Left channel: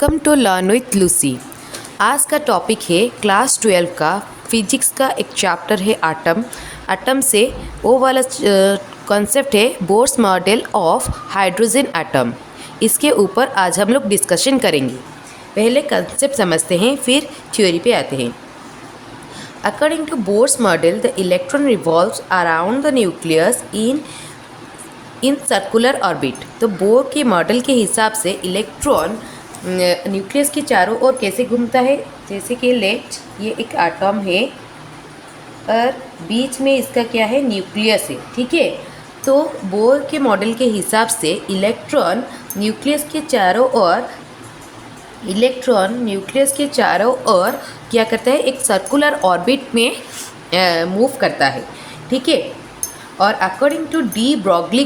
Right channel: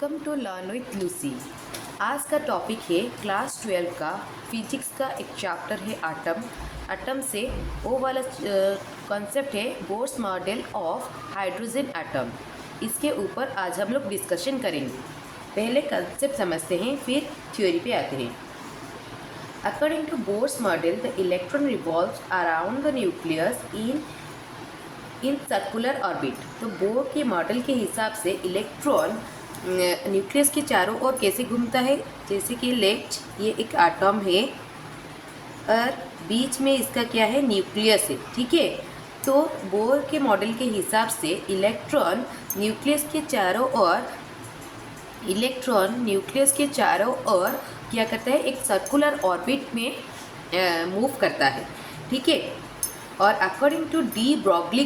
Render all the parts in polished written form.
Welcome to learn with Lucy. आज का topic है क्लास 12 का फिजिक्स का एक चैप्टर है एटम। एटम से वो वाला कॉन्सेप्ट है Bohr's model of hydrogen atom. इसके ऊपर आज हम लोग डिस्कशन करेंगे। पहले कॉन्सेप्ट समझते हैं, फिर थ्योरी पे आते हैं। According to Bohr's model, the electron revolves around the nucleus in circular orbit. तो बोर के मॉडल के हिसाब से इलेक्ट्रॉन न्यूक्लियस के चारों ओर कैसे घूमता है, जैसे कि लेट ये एक एटम है और बीच में इसका क्या है, न्यूक्लियस है, ठीक है। तो बोर के मॉडल के हिसाब से इलेक्ट्रॉन न्यूक्लियस के चारों ओर क्या करता है, एक सर्कुलर ऑर्बिट में मूव करता है, ठीक है। और according to de Broglie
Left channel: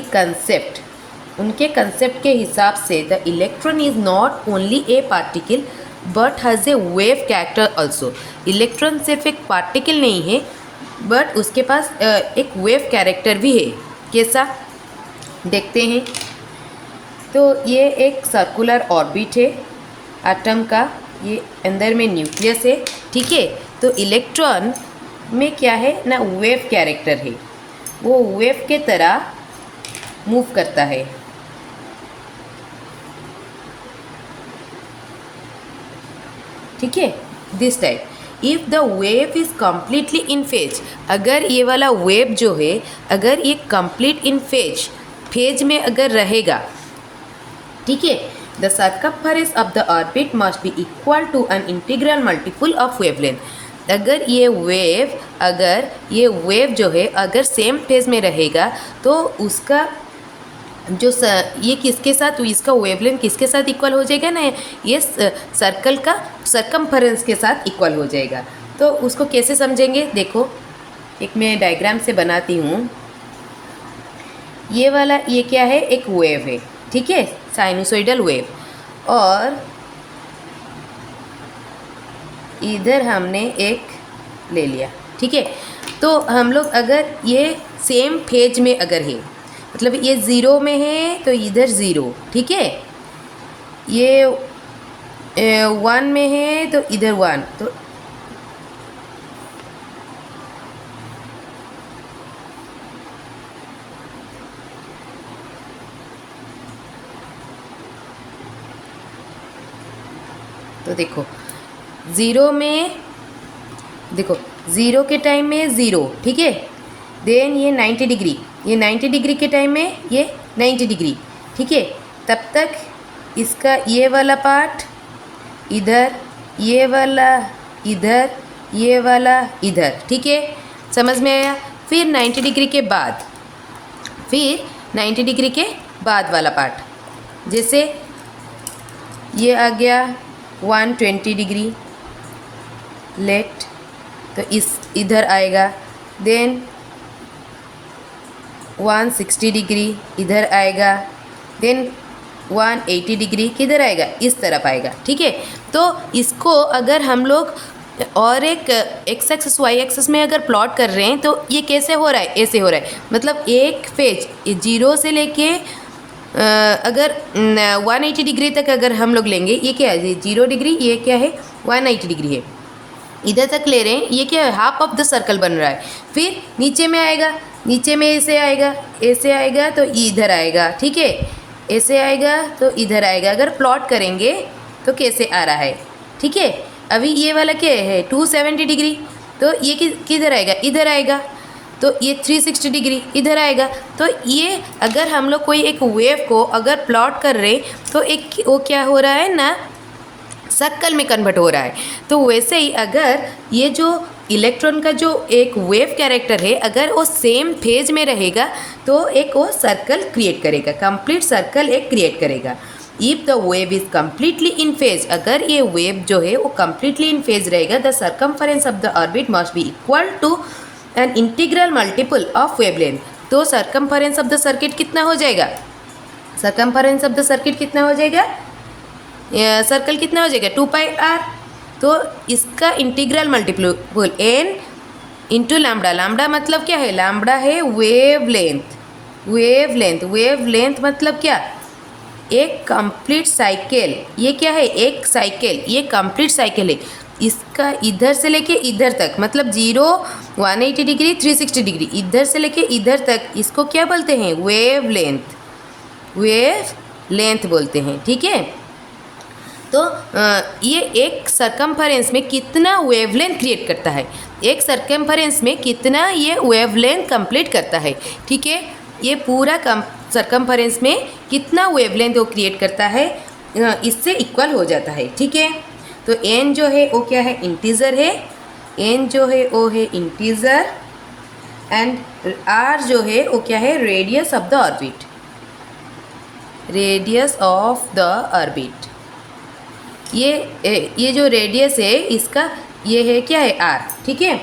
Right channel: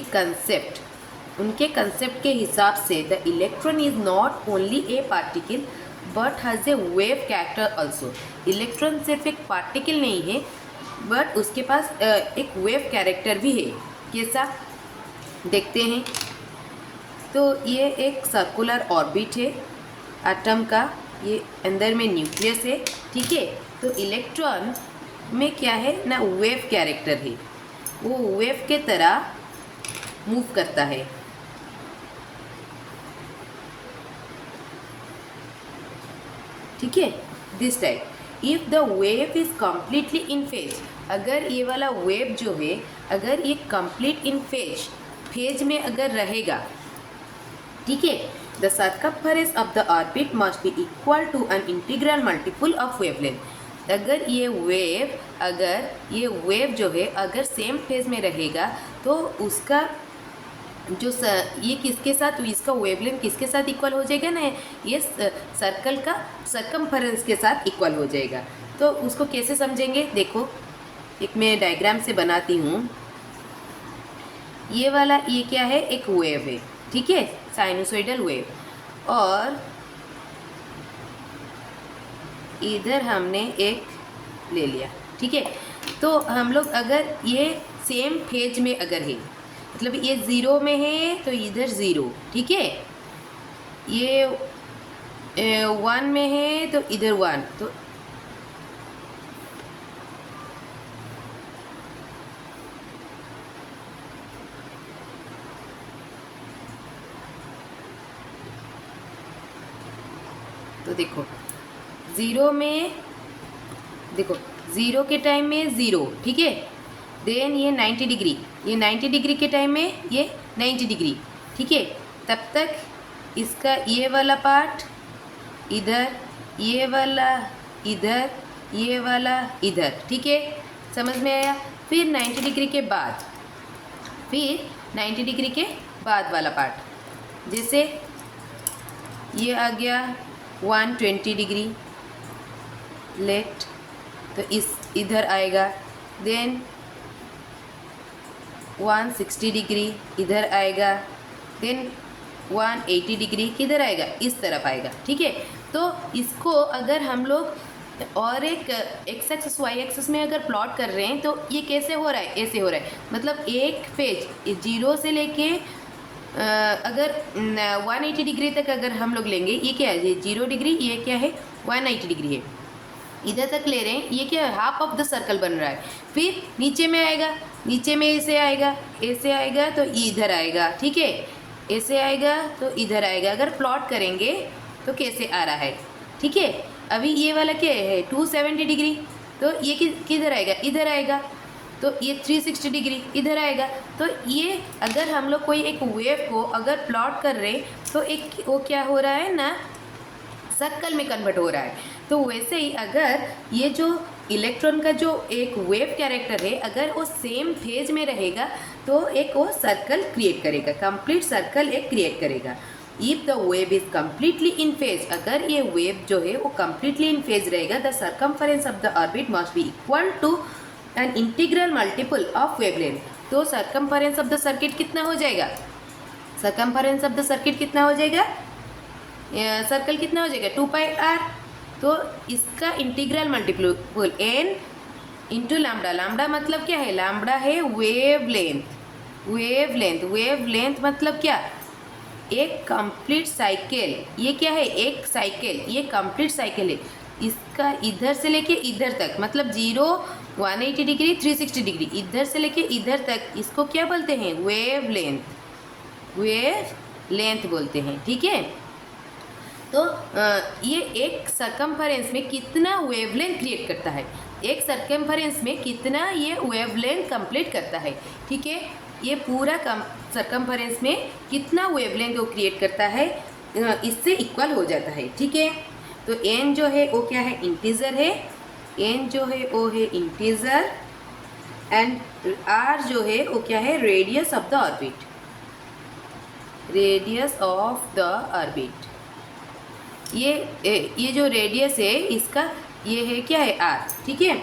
concept, उनके कंसेप्ट के हिसाब से the electron is not only a particle but has a wave character also. Electron सिर्फ एक पार्टिकल नहीं है बट उसके पास एक वेव कैरेक्टर भी है। कैसा देखते हैं। तो ये एक सर्कुलर ऑर्बिट है एटम का, ये अंदर में न्यूक्लियस है, ठीक है। तो इलेक्ट्रॉन में क्या है ना, वेव कैरेक्टर है, वो वेव के तरह मूव करता है, ठीक है। This type if the wave is completely in phase, अगर ये वाला वेव जो है, अगर ये कंप्लीट इन फेज में अगर रहेगा, ठीक है, the circumference of the orbit must be equal to an integral multiple of wavelength. अगर ये वेव जो है अगर सेम फेज में रहेगा तो उसका जो ये किसके साथ, इसका वेवलेंथ किसके साथ इक्वल हो जाएगा ना, ये सर्कल का सर्कम्फरेंस के साथ इक्वल हो जाएगा। तो उसको कैसे समझेंगे, देखो एक मैं डायग्राम से बनाती हूँ। ये वाला ये क्या है, एक वेव है, ठीक है, साइनसोइडल वेव। और इधर हमने एक ले लिया, ठीक है। तो हम लोग अगर ये सेम फेज में अगर है, मतलब ये ज़ीरो में है तो इधर ज़ीरो, ठीक है, ये 1 में है तो इधर 1, तो देखो ज़ीरो में, देखो ज़ीरो के टाइम में ज़ीरो, ठीक है। देन ये 90 डिग्री, ये 90 डिग्री के टाइम में ये 90 डिग्री, ठीक है। तब तक इसका ये वाला पार्ट इधर, ये वाला इधर, ये वाला इधर, ठीक है, समझ में आया। फिर 90 डिग्री के बाद वाला पार्ट, जैसे ये आ गया 120 डिग्री लेट, तो इस इधर आएगा। देन 160 डिग्री इधर आएगा। देन 180 डिग्री किधर आएगा, इस तरफ आएगा, ठीक है। तो इसको अगर हम लोग और एक एक्स एक्सिस वाई एक्सिस में अगर प्लॉट कर रहे हैं तो ये कैसे हो रहा है, ऐसे हो रहा है। मतलब एक फेज जीरो से लेके अगर 180 डिग्री तक अगर हम लोग लेंगे, ये क्या है, 0 डिग्री, ये क्या है 180 डिग्री है, इधर तक ले रहे हैं, ये क्या है, हाफ ऑफ द सर्कल बन रहा है। फिर नीचे में आएगा, नीचे में ऐसे आएगा तो इधर आएगा, ठीक है, ऐसे आएगा तो इधर आएगा। अगर प्लॉट करेंगे तो कैसे आ रहा है, ठीक है। अभी ये वाला क्या है 270 डिग्री, तो ये किधर आएगा, इधर आएगा। तो ये 360 डिग्री इधर आएगा। तो ये अगर हम लोग कोई एक वेव को अगर प्लॉट कर रहे तो एक वो क्या हो रहा है ना, सर्कल में कन्वर्ट हो रहा है। तो वैसे ही अगर ये जो इलेक्ट्रॉन का जो एक वेव कैरेक्टर है, अगर वो सेम फेज में रहेगा तो एक वो सर्कल क्रिएट करेगा, कंप्लीट सर्कल एक क्रिएट करेगा। If the wave is completely in phase, अगर ये वेव जो है वो कम्प्लीटली इन फेज रहेगा, the circumference of the orbit must be equal to an integral multiple of wavelength. तो सर्कम्फरेंस ऑफ द सर्किट कितना हो जाएगा, सर्कम्फरेंस ऑफ द सर्किट कितना हो जाएगा, सर्कल कितना हो जाएगा 2πr। तो इसका integral multiple n into lambda. Lambda मतलब क्या है, लैम्बडा है वेवलेंथ, वेव लेंथ मतलब क्या, एक कंप्लीट साइकिल। ये क्या है, एक साइकिल, ये कंप्लीट साइकिल है। इसका इधर से लेके इधर तक मतलब 0, 180 डिग्री, 360 डिग्री, इधर से लेके इधर तक, इसको क्या बोलते हैं, वेव लेंथ बोलते हैं। ठीक है, तो ये एक सरकमफरेंस में कितना वेवलेंथ क्रिएट करता है, एक सरकमफरेंस में कितना ये वेवलेंथ कंप्लीट करता है। ठीक है, ये पूरा सरकमफरेंस में कितना वेवलेंथ वो क्रिएट करता है, इससे इक्वल हो जाता है। ठीक है, तो n जो है वो क्या है, इंटीजर है, n जो है वो है इंटीजर, एंड r जो है वो क्या है, radius of the orbit, radius of the orbit. ये जो रेडियस है इसका ये है क्या है, r। ठीक है,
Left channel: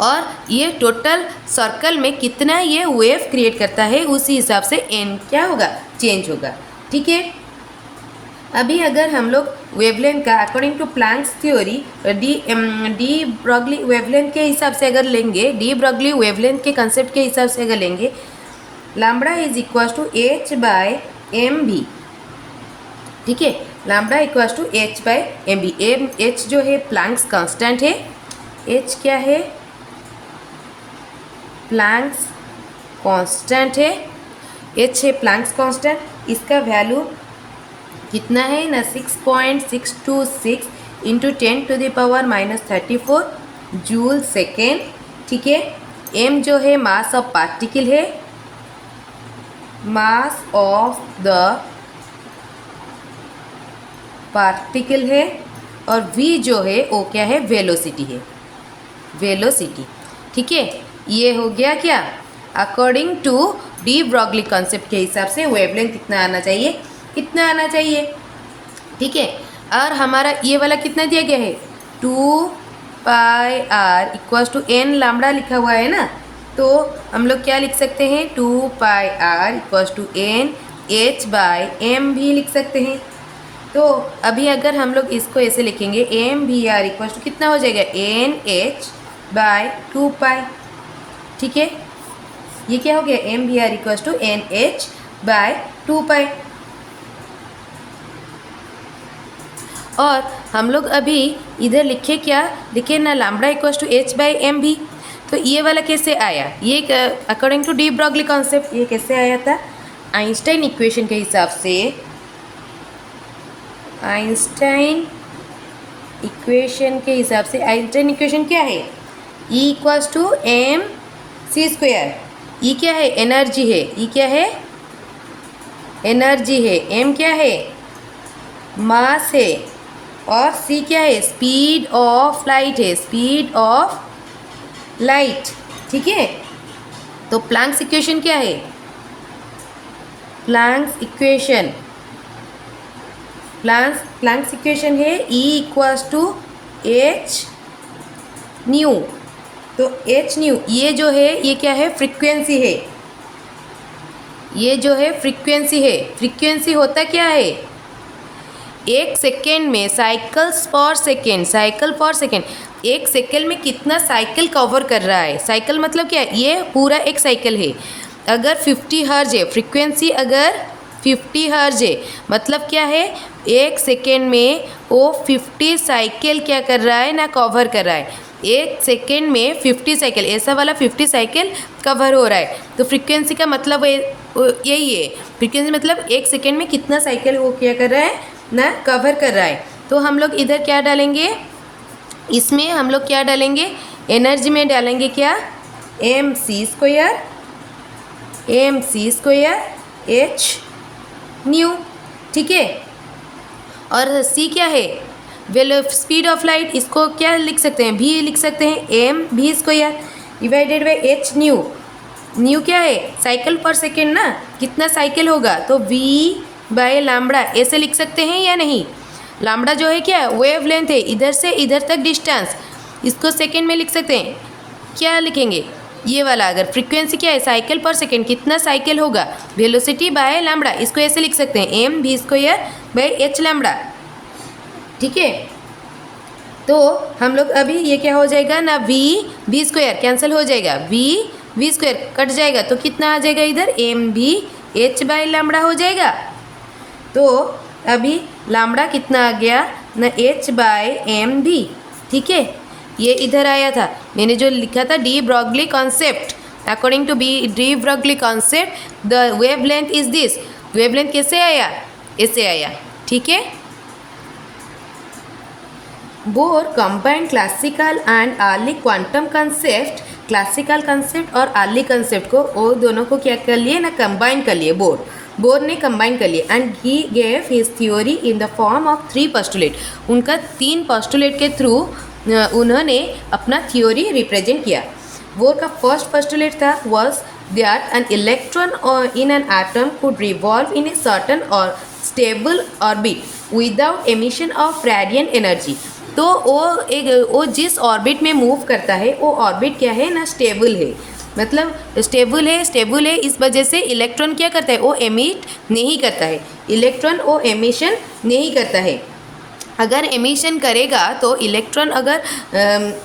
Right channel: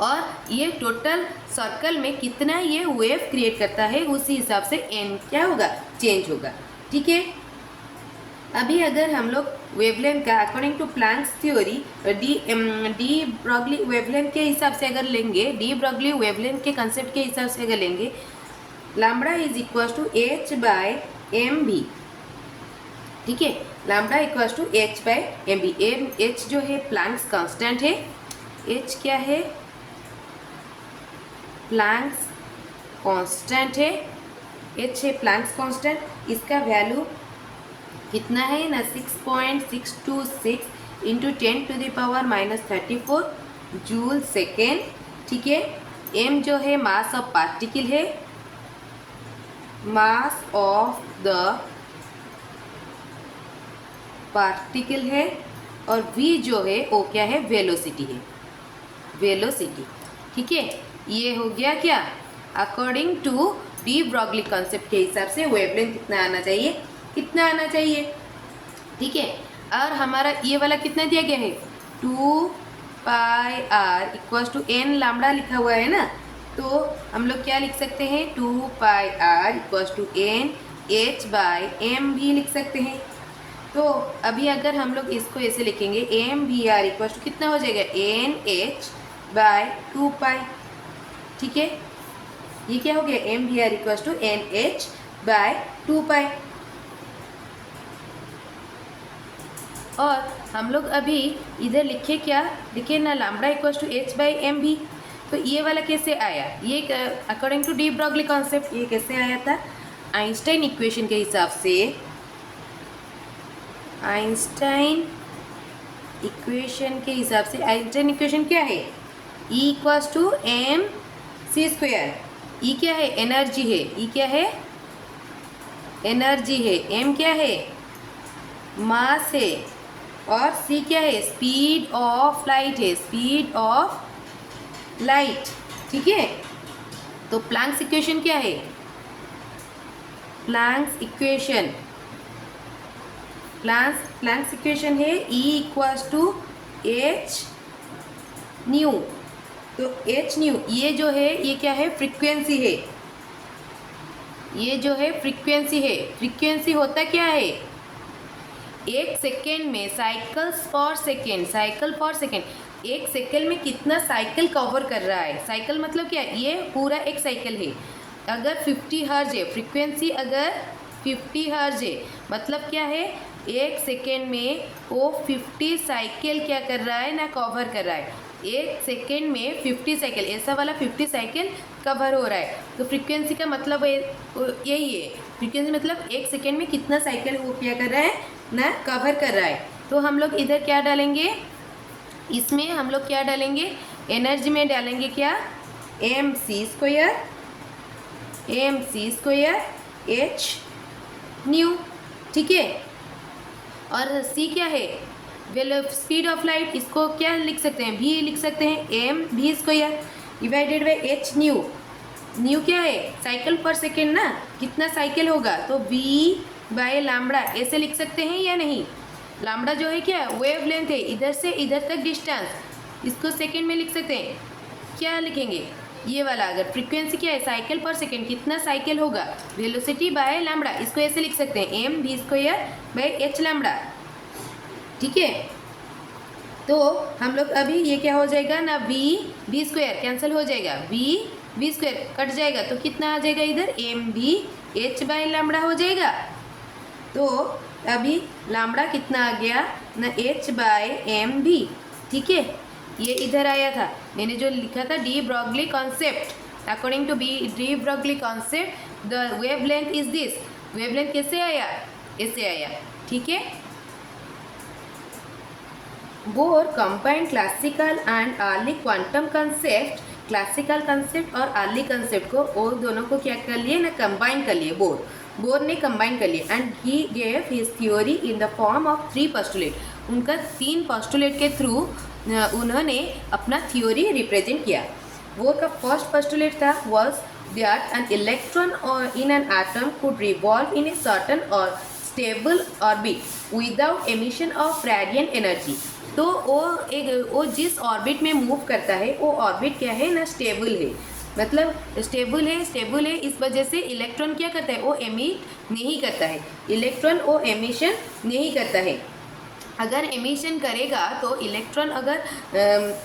और ये टोटल सर्कल में कितना ये वेव क्रिएट करता है उसी हिसाब से n क्या होगा, चेंज होगा। ठीक है, अभी अगर हम लोग वेवलेंथ का according to Planck's theory de Broglie wavelength के हिसाब से अगर लेंगे, डी ब्रॉगली वेवलेंथ के कंसेप्ट के हिसाब से अगर लेंगे, lambda is equal to h by M v. ठीक है, lambda equal to h by M v. h जो है प्लैंक्स कांस्टेंट है, h क्या है, प्लैंक्स कांस्टेंट है, h है प्लैंक्स कांस्टेंट। इसका वैल्यू कितना है ना, 6.626 इंटू 10⁻⁻34 जूल सेकेंड। ठीक है, m जो है मास ऑफ पार्टिकल है, मास ऑफ द पार्टिकल है, और v जो है वो क्या है, वेलोसिटी है, वेलोसिटी। ठीक है, ये हो गया क्या, according to de Broglie concept के हिसाब से वेवलेंथ कितना आना चाहिए, कितना आना चाहिए। ठीक है, और हमारा ये वाला कितना दिया गया है, 2πr equals to n lambda लिखा हुआ है ना, तो हम लोग क्या लिख सकते हैं, 2πr equals to n h by m v लिख सकते हैं। तो अभी अगर हम लोग इसको ऐसे लिखेंगे, M V R equals to कितना हो जाएगा, एन एच बाय 2π। ठीक है, ये क्या हो गया, M V R equals to N H by 2π। और हम लोग अभी इधर लिखे क्या, लिखे ना, lambda equals to h by M v. तो ये वाला कैसे आया, ये according to de Broglie concept ये कैसे आया था, आइंस्टाइन इक्वेशन के हिसाब से। आइंस्टाइन इक्वेशन के हिसाब से, आइंस्टाइन इक्वेशन क्या है, E equals to M C square. E क्या है, एनर्जी है, ई क्या है, एनर्जी है, एम क्या है, मास है, और सी क्या है, स्पीड ऑफ लाइट है, स्पीड ऑफ लाइट। ठीक है, तो प्लैंक्स इक्वेशन क्या है, प्लैंक्स इक्वेशन, प्लैंक्स इक्वेशन है E equals to H nu. तो एच न्यू ये जो है ये क्या है, फ्रीक्वेंसी है, ये जो है फ्रीक्वेंसी है। फ्रीक्वेंसी होता क्या है, एक सेकेंड में साइकिल्स पर सेकेंड, साइकिल पर सेकेंड, एक सेकेंड में कितना साइकिल कवर कर रहा है। साइकिल मतलब क्या है, ये पूरा एक साइकिल है। अगर 50 हर्ज है फ्रीक्वेंसी, अगर 50 हर्ज है मतलब क्या है, एक सेकेंड में वो 50 साइकिल क्या कर रहा है ना, कवर कर रहा है। एक सेकेंड में 50 साइकिल, ऐसा वाला 50 साइकिल कवर हो रहा है। तो फ्रीक्वेंसी का मतलब यही है, फ्रीक्वेंसी मतलब एक सेकेंड में कितना साइकिल वो क्या कर रहा है ना, कवर कर रहा है। तो हम लोग इधर क्या डालेंगे, इसमें हम लोग क्या डालेंगे, एनर्जी में डालेंगे क्या, M C square H nu. ठीक है, और सी क्या है, स्पीड ऑफ लाइट, इसको क्या लिख सकते हैं, भी लिख सकते हैं, एम भी square divided by H new. New क्या है, साइकिल पर सेकेंड ना, कितना साइकिल होगा, तो वी बाय लैम्बडा ऐसे लिख सकते हैं या नहीं। लैम्बडा जो है क्या, वेव लेंथ है, इधर से इधर तक डिस्टेंस, इसको सेकेंड में लिख सकते हैं। क्या लिखेंगे, ये वाला अगर फ्रीक्वेंसी क्या है, साइकिल पर सेकेंड, कितना साइकिल होगा, वेलोसिटी बाय लैम्बडा, इसको ऐसे लिख सकते हैं, एम भी स्क्वायर बाय एच लैम्बडा। ठीक है, तो हम लोग अभी ये क्या हो जाएगा ना, वी स्क्वायर कैंसिल हो जाएगा, वी वी स्क्वायर कट जाएगा तो कितना आ जाएगा इधर, एम भी एच बाई लैम्बडा हो जाएगा। तो अभी लैम्बडा कितना आ गया ना, एच बाई एम भी। ठीक है, ये इधर आया था, मैंने जो लिखा था de Broglie concept, according to de Broglie concept the wavelength is this. Wavelength कैसे आया, ऐसे आया। ठीक है, Bohr combine classical and early quantum concept, classical concept और अर्ली कंसेप्ट को, वो दोनों को क्या कर लिए ना, कंबाइन कर लिए। बोर ने कंबाइन कर लिए and he gave his theory in the form of 3 postulate. उनका 3 पोस्टुलेट के थ्रू उन्होंने अपना थ्योरी रिप्रेजेंट किया। बोर का फर्स्ट पोस्टुलेट था was that an electron in an atom could revolve in a certain और stable orbit without emission of radiant energy. तो वो जिस ऑर्बिट में मूव करता है वो ऑर्बिट क्या है ना, स्टेबल है। मतलब स्टेबल है इस वजह से इलेक्ट्रॉन क्या करता है, वो एमिट नहीं करता है। इलेक्ट्रॉन वो एमिशन नहीं करता है। अगर एमिशन करेगा तो इलेक्ट्रॉन अगर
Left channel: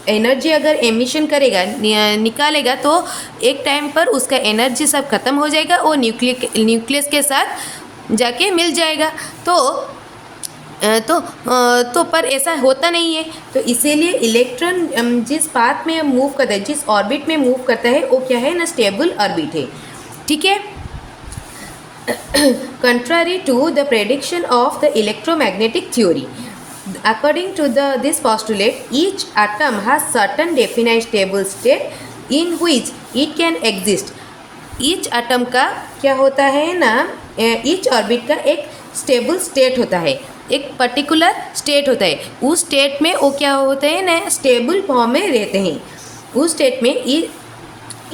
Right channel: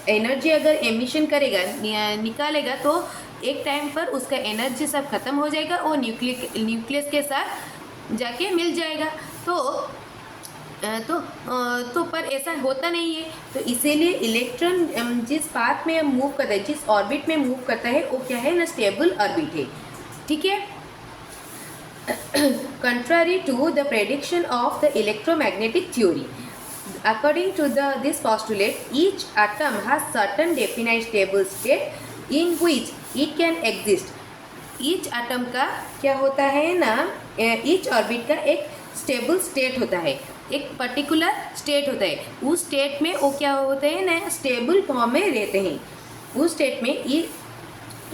एनर्जी अगर एमिशन करेगा, निकालेगा, तो एक टाइम पर उसका एनर्जी सब खत्म हो जाएगा, वो न्यूक्लियस के साथ जाके मिल जाएगा। तो पर ऐसा होता नहीं है। तो इसीलिए इलेक्ट्रॉन जिस पाथ में मूव करता है, जिस ऑर्बिट में मूव करता है, वो क्या है ना, स्टेबल ऑर्बिट है। ठीक है, contrary to the prediction of the electromagnetic theory, according to this postulate, each atom has certain definite stable state in which it can exist. each atom का क्या होता है ना, each orbit का एक stable state होता है, एक पर्टिकुलर स्टेट होता है। उस स्टेट में वो क्या होते हैं ना, स्टेबल फॉर्म में रहते हैं। उस स्टेट में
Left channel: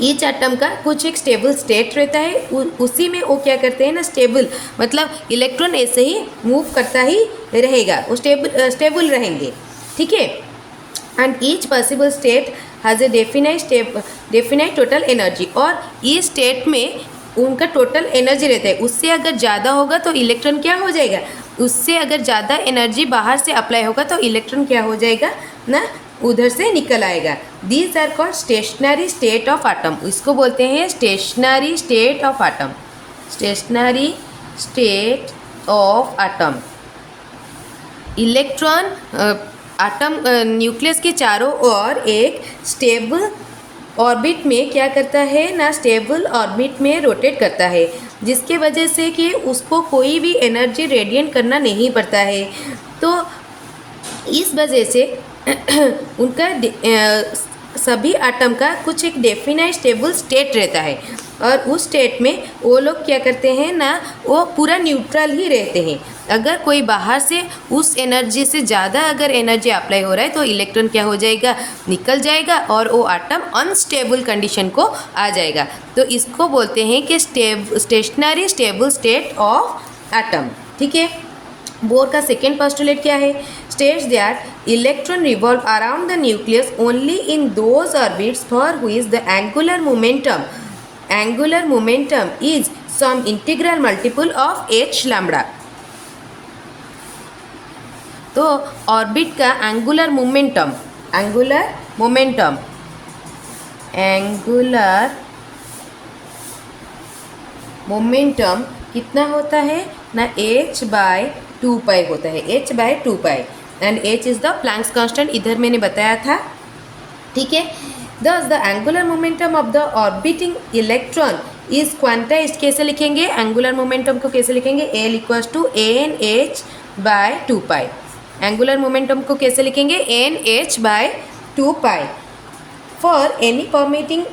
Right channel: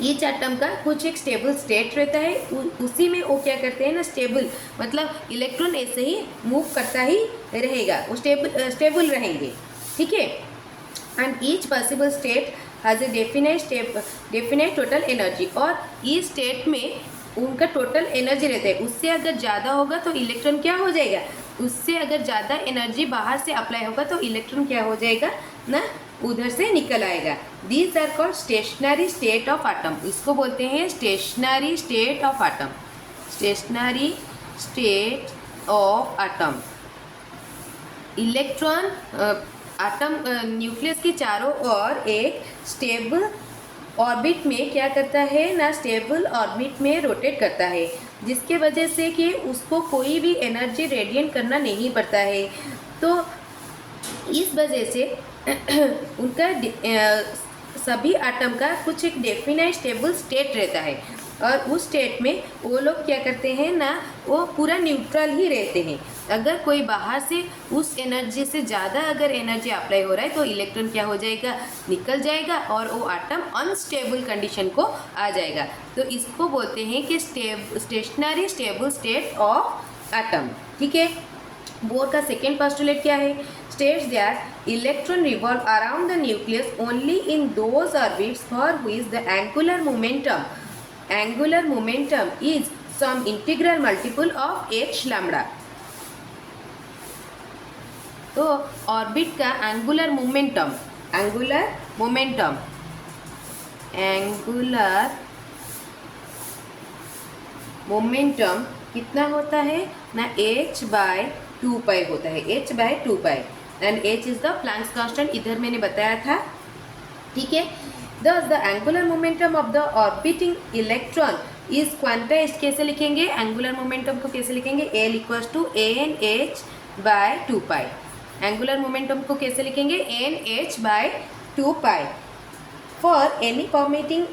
ईच एटम का कुछ एक स्टेबल स्टेट रहता है, उसी में वो क्या करते हैं ना, स्टेबल मतलब इलेक्ट्रॉन ऐसे ही मूव करता ही रहेगा, वो स्टेबल रहेंगे। ठीक है, and each possible state has a definite total energy. और इस स्टेट में उनका टोटल एनर्जी रहता है। उससे अगर ज़्यादा होगा तो इलेक्ट्रॉन क्या हो जाएगा, उससे अगर ज़्यादा एनर्जी बाहर से अप्लाई होगा तो इलेक्ट्रॉन क्या हो जाएगा ना, उधर से निकल आएगा। These are called stationary state of atom. इसको बोलते हैं stationary state of atom. Stationary state of atom. Electron atom nucleus के चारों ओर एक स्टेबल ऑर्बिट में क्या करता है ना, स्टेबल ऑर्बिट में रोटेट करता है, जिसके वजह से कि उसको कोई भी एनर्जी रेडिएंट करना नहीं पड़ता है। तो इस वजह से उनका सभी एटम का कुछ एक डेफिनाइट स्टेबल स्टेट रहता है, और उस स्टेट में वो लोग क्या करते हैं ना, वो पूरा न्यूट्रल ही रहते हैं। अगर कोई बाहर से उस एनर्जी से ज़्यादा अगर एनर्जी अप्लाई हो रहा है तो इलेक्ट्रॉन क्या हो जाएगा, निकल जाएगा, और वो एटम अनस्टेबल कंडीशन को आ जाएगा। तो इसको बोलते हैं कि stationary stable state of atom. ठीक है, बोर का सेकेंड पोस्टुलेट क्या है, states that electron revolve around the nucleus only in those orbits for which the angular momentum is some integral multiple of h lambda। तो orbit का angular momentum कितना होता है ना, h/2π होता है, h/2π, and h is the Planck's constant, इधर मैंने बताया था। ठीक है, दस the angular momentum of the orbiting electron is quantized. कैसे लिखेंगे एंगुलर मोमेंटम को, कैसे लिखेंगे, L = NH/2π। एंगुलर मोमेंटम को कैसे लिखेंगे, NH/2π। For any permitting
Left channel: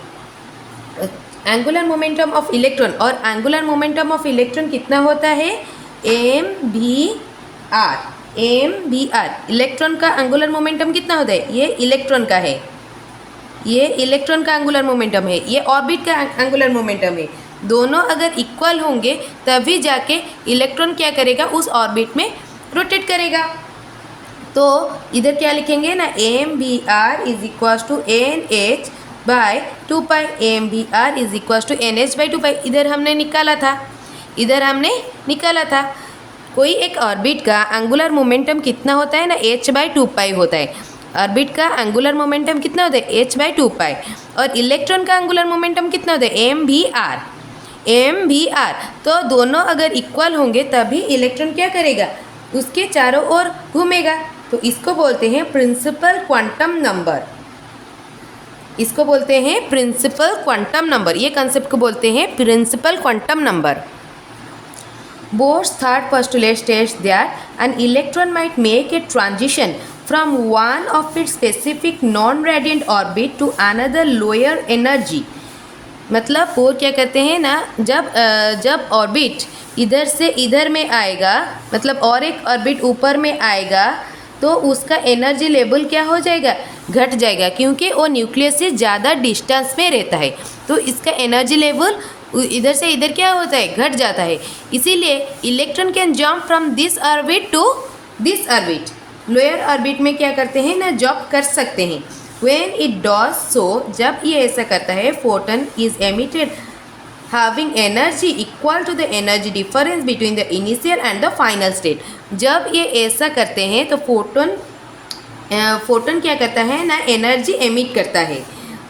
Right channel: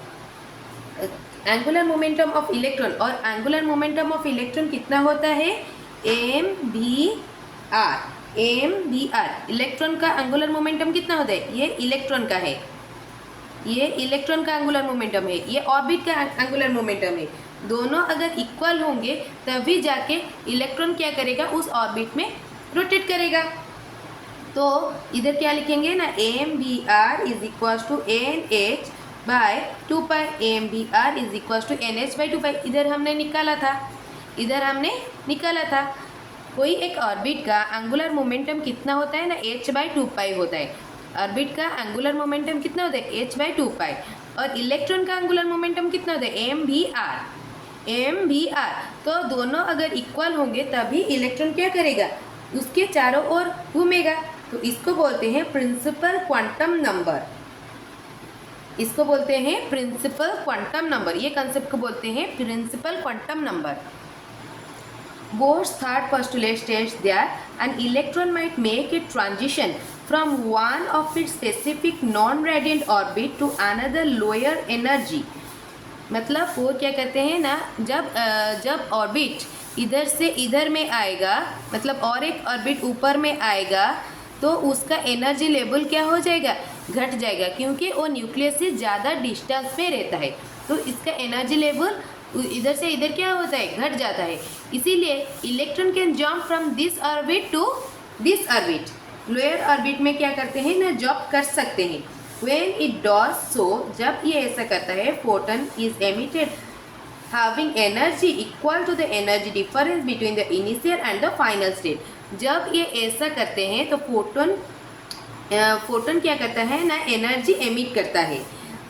angular momentum of electron, और एंगुलर मोमेंटम ऑफ इलेक्ट्रॉन कितना होता है, mvr। इलेक्ट्रॉन का एंगुलर मोमेंटम कितना होता है, ये इलेक्ट्रॉन का है, ये इलेक्ट्रॉन का एंगुलर मोमेंटम है, ये ऑर्बिट का एंगुलर मोमेंटम है। दोनों अगर इक्वल होंगे तभी जाके इलेक्ट्रॉन क्या करेगा, उस ऑर्बिट में रोटेट करेगा। तो इधर क्या लिखेंगे ना, mvr = NH/2π, mvr = NH/2π। इधर हमने निकाला था, कोई एक ऑर्बिट का एंगुलर मोमेंटम कितना होता है ना, h/2π होता है। ऑर्बिट का एंगुलर मोमेंटम कितना होता है h/2 और इलेक्ट्रॉन का एंगुलर मोमेंटम कितना होता है m/r। तो दोनों अगर इक्वल होंगे तभी इलेक्ट्रॉन क्या करेगा, उसके चारों ओर घूमेगा। तो इसको बोलते हैं प्रिंसिपल क्वांटम नंबर, इसको बोलते हैं प्रिंसिपल क्वांटम नंबर, ये कंसेप्ट को बोलते हैं principal quantum number. Bohr's third postulate states that an electron might make a transition from one of its specific non-radiant orbit to another lower energy। मतलब bore क्या कहते हैं ना, जब ऑर्बिट इधर से इधर में आएगा, मतलब और एक ऑर्बिट ऊपर में आएगा, तो उसका एनर्जी लेवल क्या हो जाएगा, घट जाएगा, क्योंकि वो न्यूक्लियस से ज़्यादा डिस्टेंस में रहता है। तो इसका एनर्जी लेवल इधर से इधर क्या होता है, घट जाता है। इसीलिए electron can jump from this orbit to this orbit, lower orbit में क्या करते हैं ना, जंप कर सकते हैं। व्हेन इट डज सो, जब ये ऐसा करता है, photon is emitted having energy equal to the energy difference between the initial and the final state. जब ये ऐसा करते हैं तो फोटन क्या करता है ना, एनर्जी एमिट करता है,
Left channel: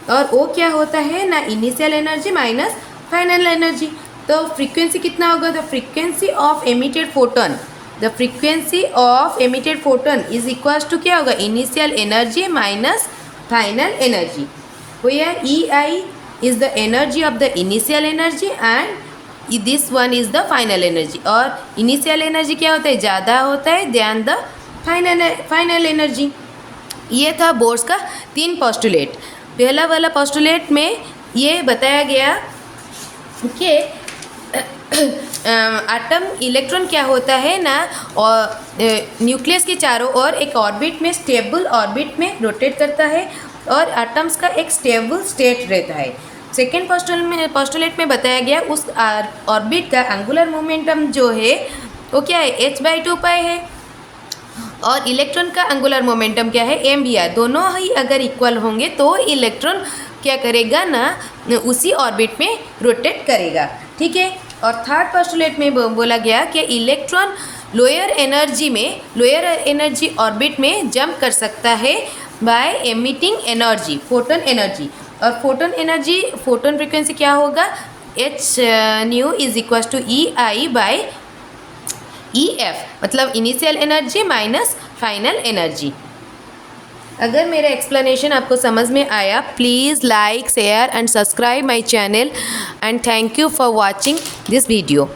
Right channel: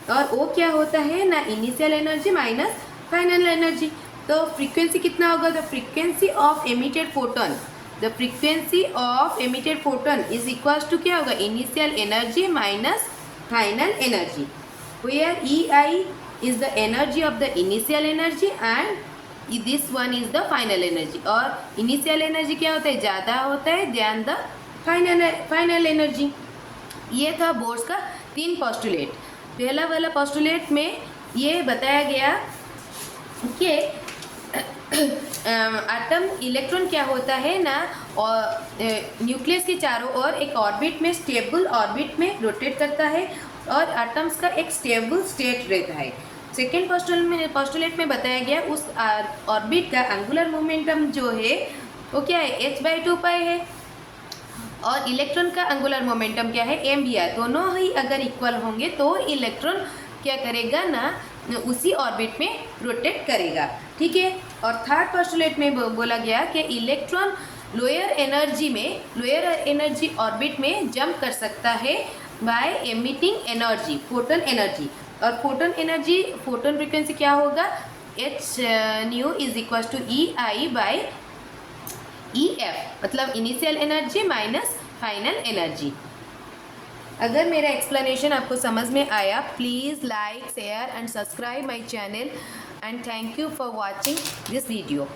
और वो क्या होता है ना, initial energy minus final energy. तो फ्रीक्वेंसी कितना होगा, the frequency of emitted photon, the frequency of emitted photon is equal to क्या होगा, initial energy minus final energy, where EI is the energy of the initial energy and this one is the final energy. और initial energy क्या होता है, ज़्यादा होता है then the final energy. ये था बोर्स का 3 पोस्टुलेट। पहला वाला पोस्टुलेट में ये बताया गया कि एटम इलेक्ट्रॉन क्या होता है ना, और न्यूक्लियस के चारों ओर एक ऑर्बिट में, स्टेबल ऑर्बिट में रोटेट करता है, और एटम्स का एक स्टेबल स्टेट रहता है। सेकेंड पोस्टुलेट में बताया गया उस ऑर्बिट का एंगुलर मोमेंटम जो है वो क्या है, h/2 है, और इलेक्ट्रॉन का एंगुलर मोमेंटम क्या है, m/r। दोनों ही अगर इक्वल होंगे तो इलेक्ट्रॉन क्या करेगा ना, उसी ऑर्बिट में रोटेट करेगा, ठीक है। और थर्ड पोस्टुलेट में बोला गया कि इलेक्ट्रॉन लोअर एनर्जी ऑर्बिट में जंप कर सकता है by emitting energy, photon energy. और फोटन फ्रीक्वेंसी क्या होगा, h is equal to EI/EF, मतलब initial energy minus final energy. अगर मेरा एक्सप्लेनेशन आपको समझ में आया, please like, share and subscribe my channel, and thank you for watching this video.